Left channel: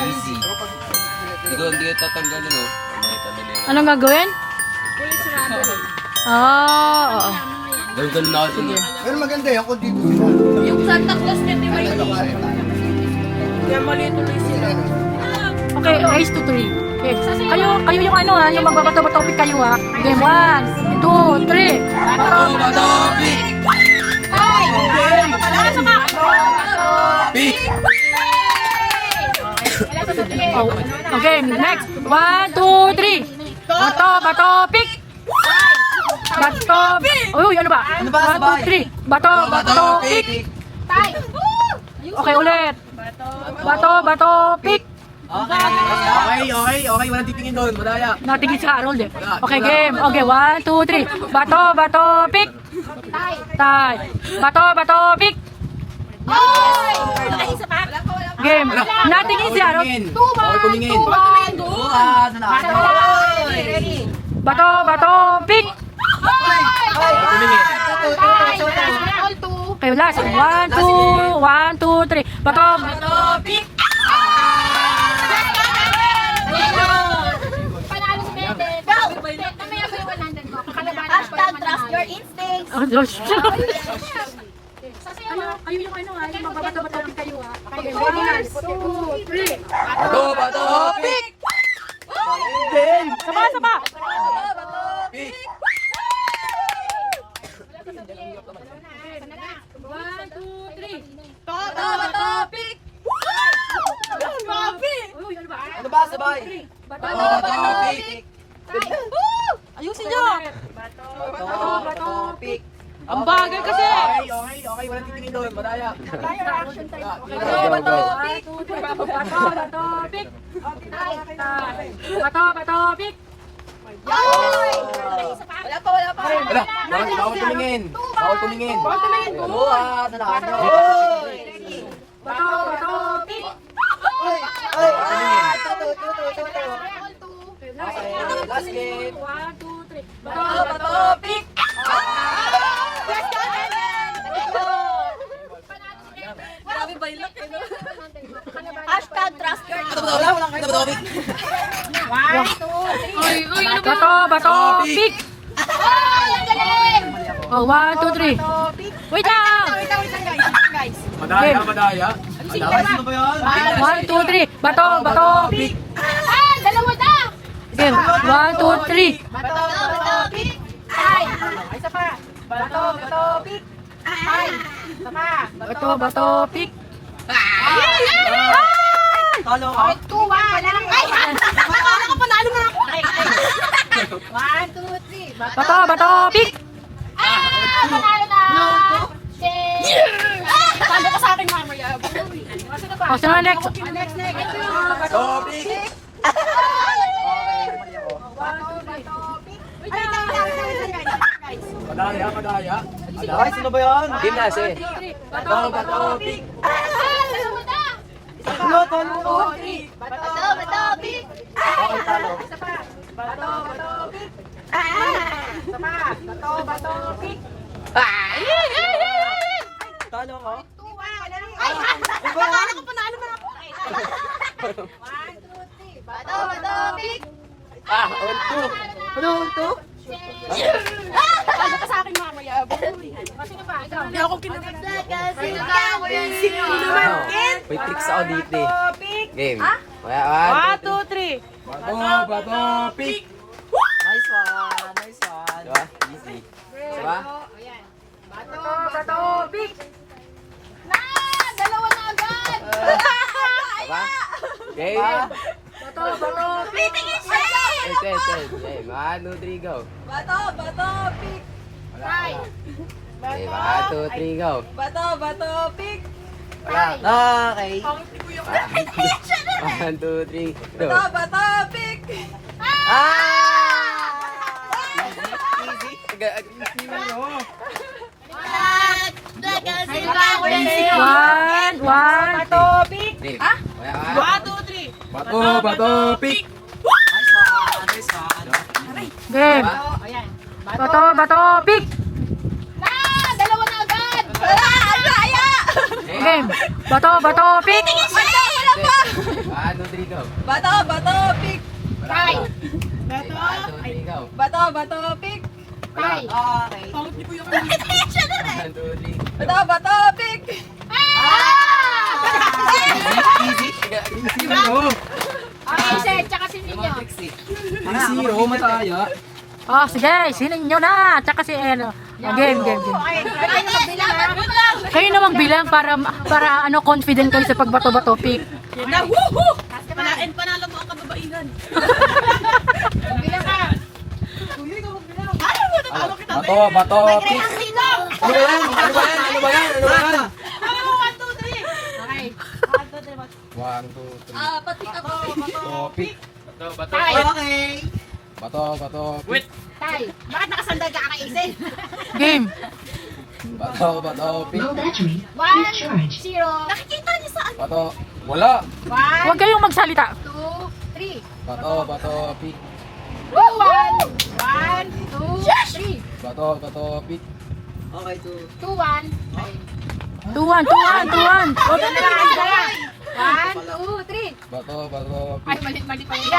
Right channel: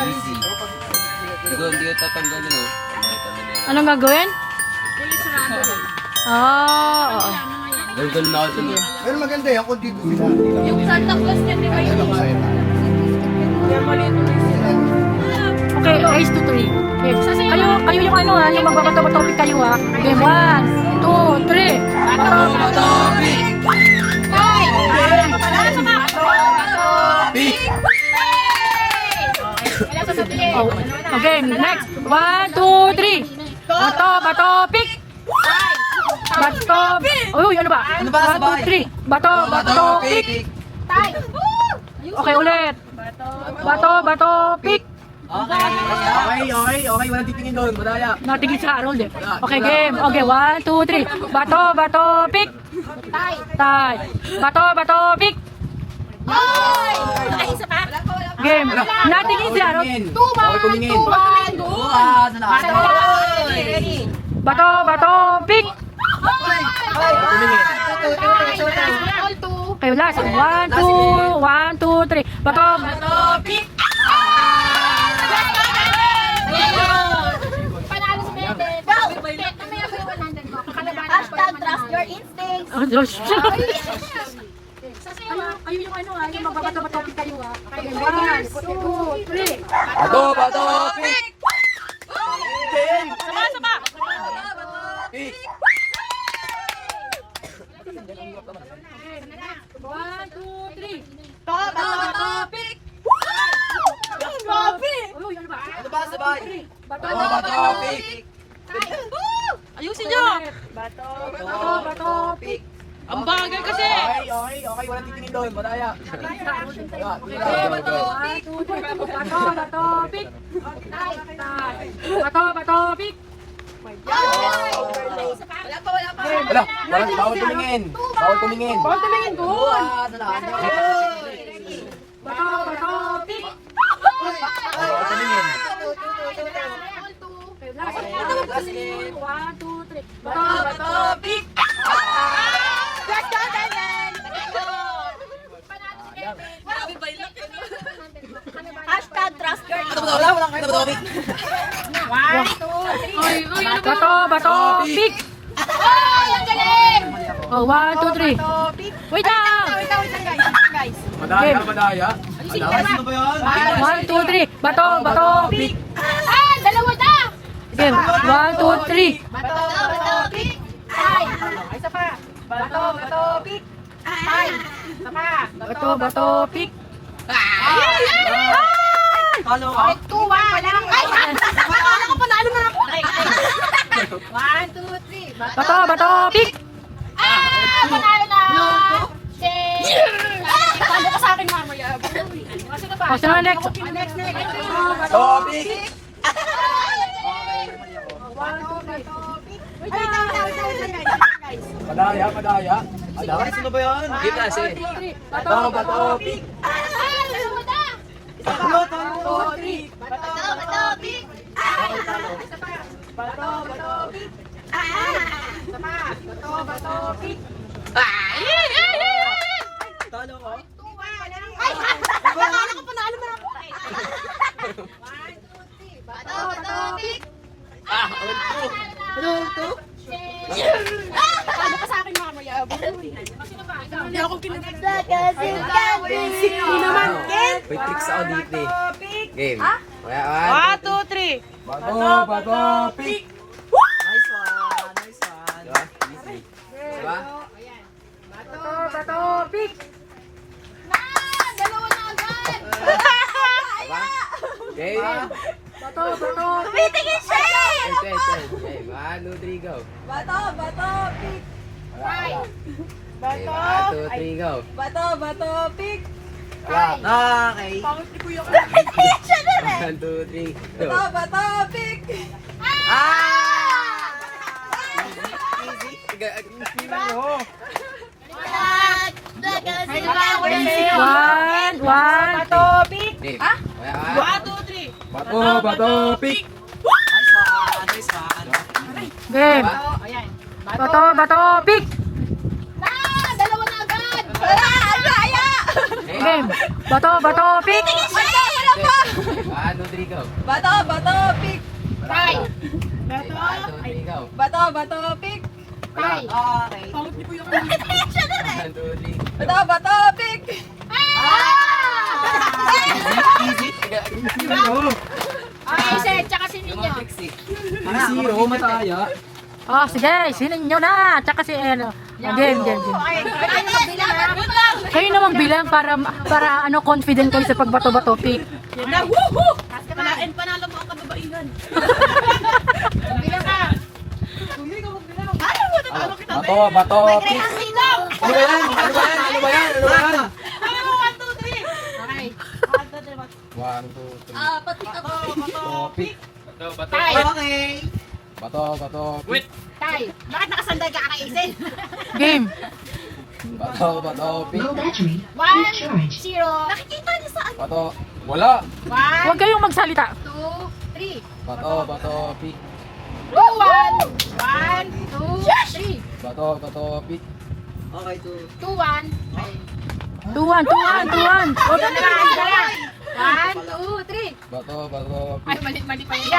Easy. Doon, hindi tatanggalin o. Anong gagawin? Oo. Ganun na ako. Sige. Pero maganda yan kung dito sila. Yung Santa Claus na di ba yun? Okay, race to 3. Okay. Kayo yung ano ha, yung magbabato-topic kayo ha. Okay, 1, 2, 3. Bato. Oh, okay, next. 1, 2, 3. Bato, pick. Bato. Uy, ano ba? 1, 2, 3. Bato, pick. Okay, ulit. Bato, pick. Okay. Walang titingin doon. Madaya. Natigil sa Harold eh. Okay, game. Okay, 1, 2, 3. Bato, pick. Tay. Bato, pick. Game. Natigil si Harold. Okay, tumingin. Bato, pick. Tumingin. Okay, last. 1, 2, 3. Bato, pick. Panalo si Bebe. Go! Mamaya ko yung 100 mo. Hashtag trust your instincts. Oh, Diyos. Kayo yung ano ha, yung magbabato-topic kayo ha. Okay, 1, 2, 3. Bato, pick. Sama. Pick. 1, 2, 3. Bato, pick! Uy, ano ba? Sabay. Bato, Pick. ayusin nyo. Bato, pick. Ang bagay kasi. Okay. Walang titingin doon. Madaya. Bato, 1, 2, 3. Bato, pick. Bato, pick. Wala pa. Bawal tumingin. Bato, pick. Tumingin. 1, 2, 3. Bato, pick. Hashtag trust your Bato, pick. Oh, 1, 2, 3. Wait lang. Madaya. Sino ba yan? 1, 2, 3. Bato, pick. Dalawa na! Game. 1, 2, 3. Bato, pick! Bato, pick. Talo ka? Akala ko panalo na ako! 1, 2, 3. Bato, pick. Panalo na! Talo ka sa akin mamaya. O, sino na next? Topic. Madaya. Sino ba yan? Gimnase. Bato, pick. Dalawa na! Talo. 2, 3. Bato, pick! Okay, talo. Talo ka? Akala ko panalo na ako! 1, 2, 3. Bato, pick! Ano to? Talo ka sa akin mamaya. Hindi ako kinakalat. May tricks ako dito eh. Game. 1, 2, 3. Bato, pick. Nice one. Diba? Easy. Diba? Bato, pick. Dalawa na agad! Diba? Game. Bato, Pitigin siya! Game. 1, 2, 3, go. Bato, pick! Game. 1, 2, 3, go. Bato, pick! Wala. Okay. 1, 2, 3, go. Bato, pick! Easy. One. Bato, pick. Game. 1, 2, 3. Bato, pick. Nice one. Game. Bato, pick. Dalawa na agad! Wala! Agaya! Game. Bato, bato, pick. Ano, three, go. Bato, bato, pick. Tay. Ano, three, go. Bato, bato, pick. Tay. Okay. Siya na rin. One, two, three. Bato, bato, pick. Easy. Zero. Okay, sir. Tsaka si Yung Ninyo. mga tricks eh. Zero, mataya. Oh, sige, sinin nyo na. Tsaka si ano. Game, game, game. Okay. Pwede na magbilang. Bilang. Kayo namang bilang para ano confident kayo sa pagbato-bato pick. Palain, panalo mo ang kababaihan. Bilang ka. Bato, bato. Pick. Bilang. Ano ba yan? Ano ba yan? Ano ba yan? Ano ba yan? Okay. One, two, three. Pati ako. Bato, pick. Tay. Okay. Bato, bato, pick. Tay. Bakit nakasandag ka kakaisip? Game. Bato, bato, pick. Low battery. 1, 0. Nakikita niyo saan? Bato. Wala. 1, Huwag kayong magsalita. 2, 3. Bato, bato, pick. 1, 2, 3. Bato, bato, pick. Okay, 2, 2. 1. 2-1, 2-1, 2-1. 1, 2, 3. Bato, bato, Ay, pick. mali pa yun.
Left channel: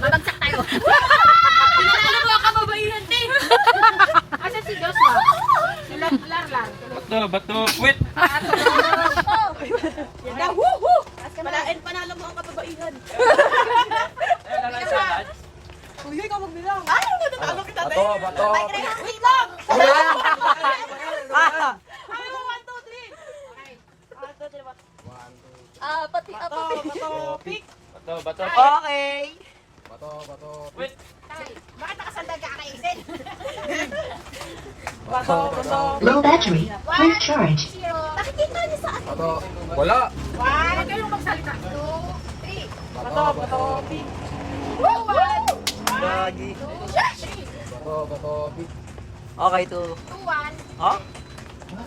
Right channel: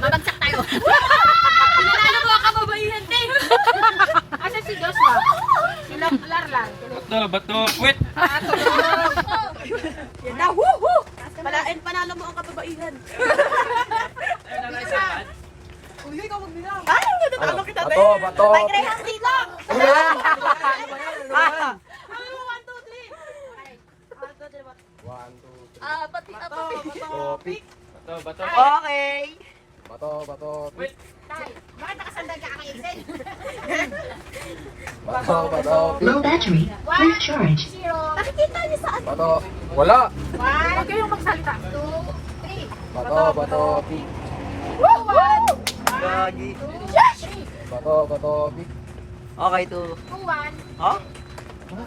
Babagsak tayo. Pinanalo mo ang kababaihan, te. Asa si Joshua? Lar lang. Bato, bato, quit. Palain, panalo mo ang kababaihan. Uy, ikaw magbilang. Ano? Bato, bato, pick. Wait lang. Ano ba yan? Ano ba yan? Ano ba yan? Ay, 1, 2, 3. One, two, three. Pati ako. Bato, pick. Bato, bato, Okay. bato, bato, pick. Tay, bakit nakasandag ka kakaisip? Bato, bato, pick. Low battery. Full charge. 0. Nakikita niyo saan? Bato. Wala. 1, Huwag kayong magsalita. 2, 3. Bato, bato, pick. 1, Gagi. 2, 3. Bato, bato, pick. Okay, 2. 2, 1. Ha? 1,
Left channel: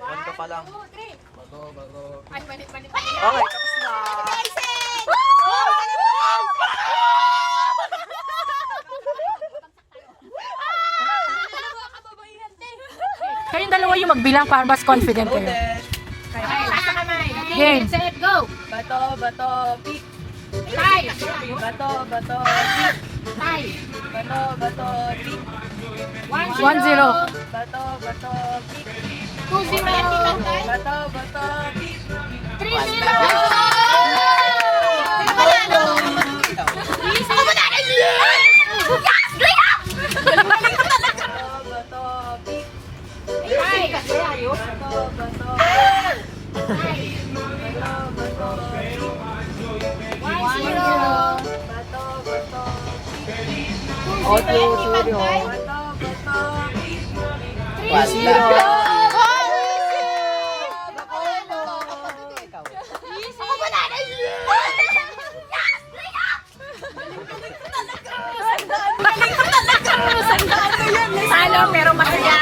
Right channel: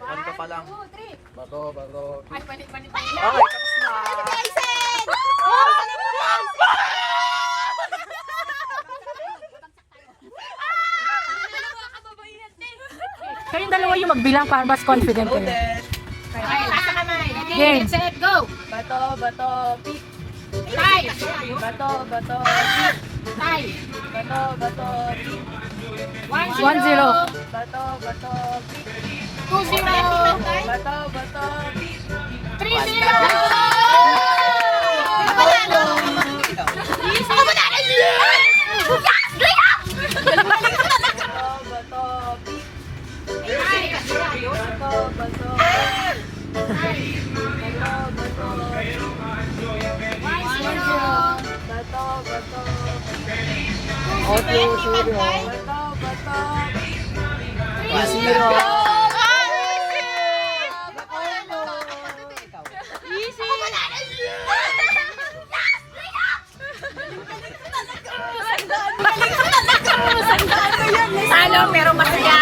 1 ka pa lang. 2, 3. Bato, bato, pick. Ay, mali. Okay, tapos na. Kayong dalawa yung magbilang para mas confident kayo. Game. Set, go. Bato, bato, pick. Tay. Bato, bato, pick. Tay. Bato, bato, pick. 1-0. Bato, bato, pick. 2, 0. Bato, bato, pick. 3, 0. Ako ba na? Yes! Bato, bato, pick. Tay. Bato, bato, bato, bato, pick. 1, 0. Bato, bato, pick. Oh, 2-0. Bato, bato, pick. 3-0. Ako ba na? Talo pero masaya.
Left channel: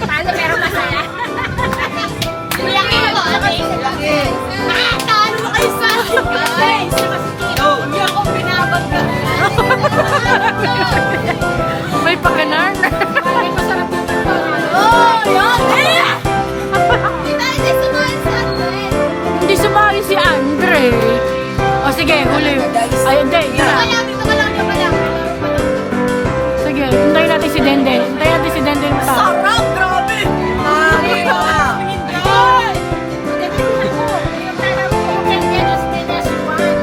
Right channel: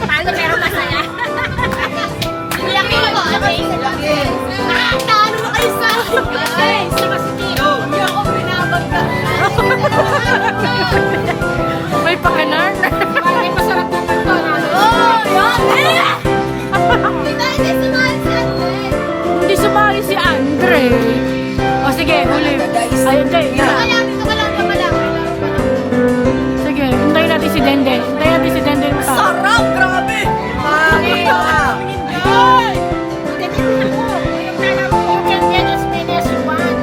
Talo pero masaya. Laki mo. Laki. Talo na kayo sa akin. Guys, hindi ako pinabagka. May pagkanar. Maraming masarap dito. Oh, yan. Hindi sumali si Andre. Hindi sumali si Andre. O sige, huli. Ay, hindi. Dito ka lang, dito ka lang. Sige, hintayin natin si Denden. Hintayin natin si Denden. Sarap, grabe! Lagi ka!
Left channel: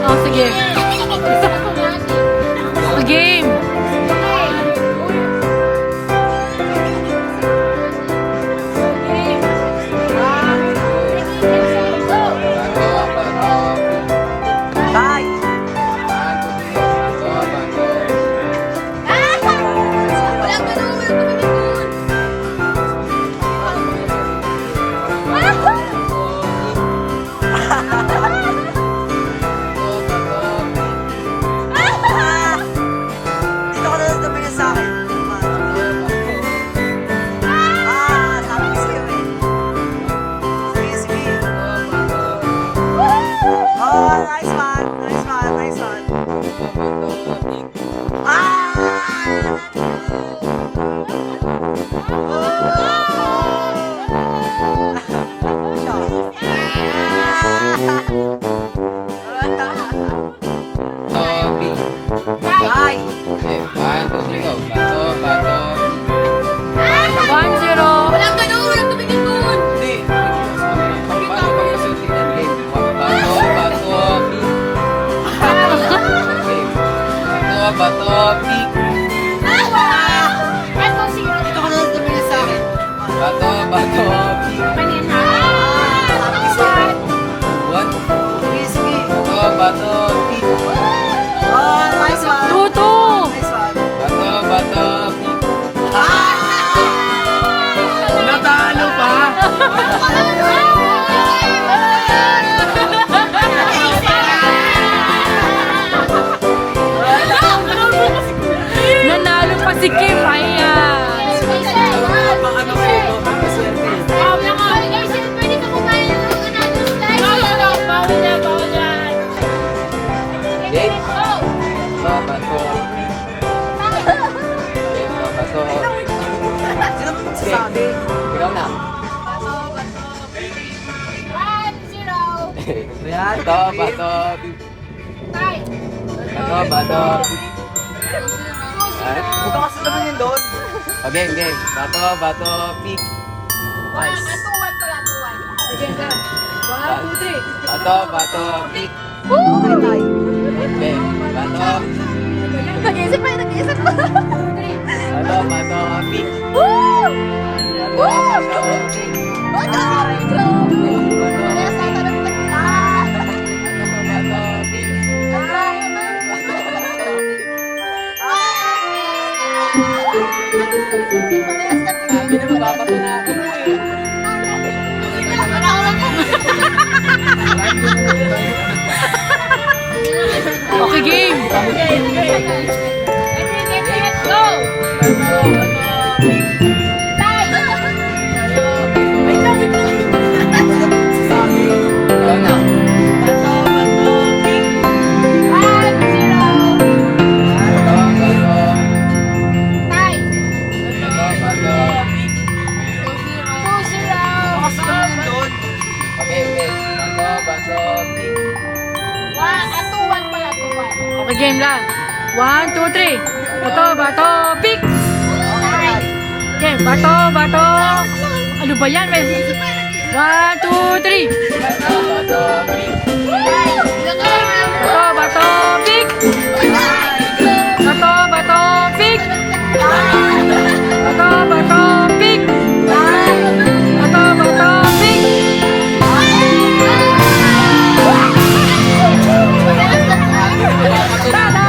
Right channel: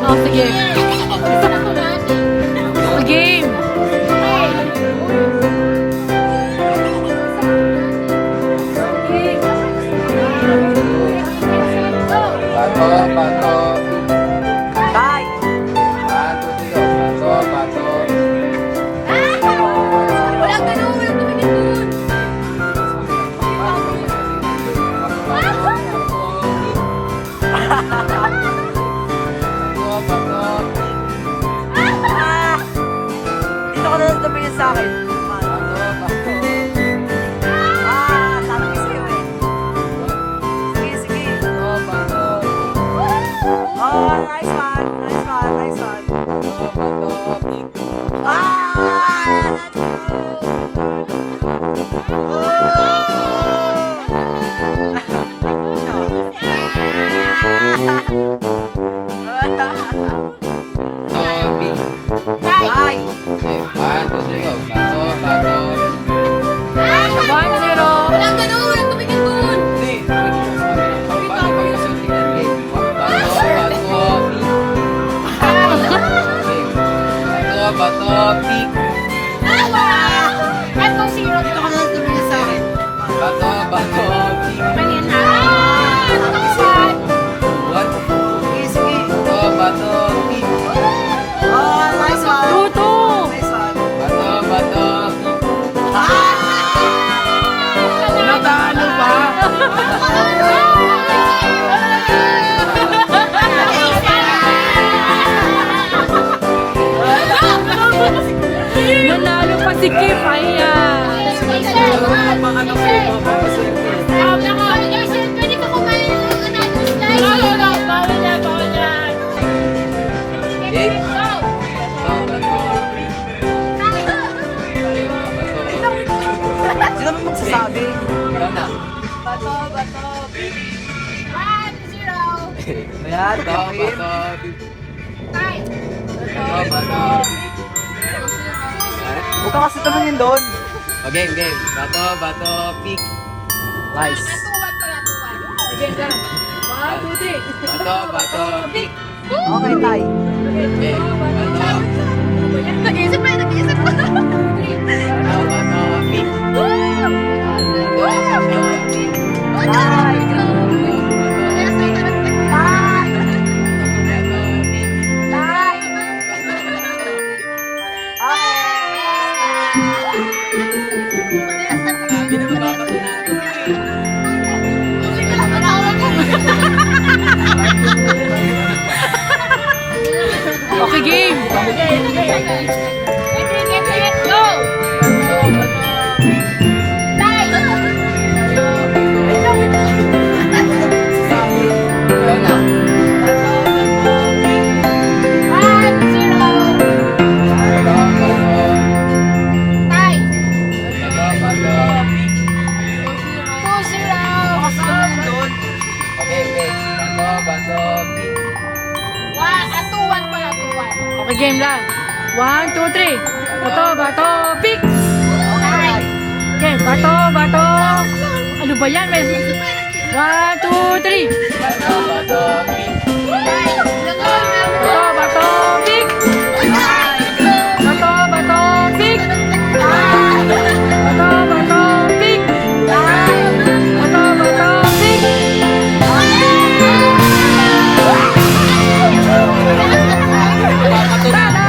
O sige. Game. Bato, bato, pick. Bye! 1, 2, 3, go. Bato, bato, Dito ka na tumingin sa akin. Sabi ko sa'yo eh. Sige, sige. Oh, nice one. Nice one, nice one. Ah! si Kim, ayan. Pang ano kayo, papaswerte. Pwede ka kumain ng another style. No. Bawal yan. Okay. Bato. Sino ba magsasabi? Ikaw na. Bato. 1-0. Ayan, bato. Tay. Bato. Ayan. Huwag ka kasi tanungin doon. O, game. Bato, pick. Nice. Atuwan pala, atuwan. Again, ka. 1, 2, 3. Bato, pick. Okay. Bato. Nag-iisip pa. Bato, pick. Okay, game. Ikaw na. Okay. Bato, pick. Okay, game lang. 1, 2, 3. Bato, pick. Okay, bato. Ano ba yan? 1, 2, 3. Bato, pick. Bato, pick. Bato, pick. Bato, pick. Tada!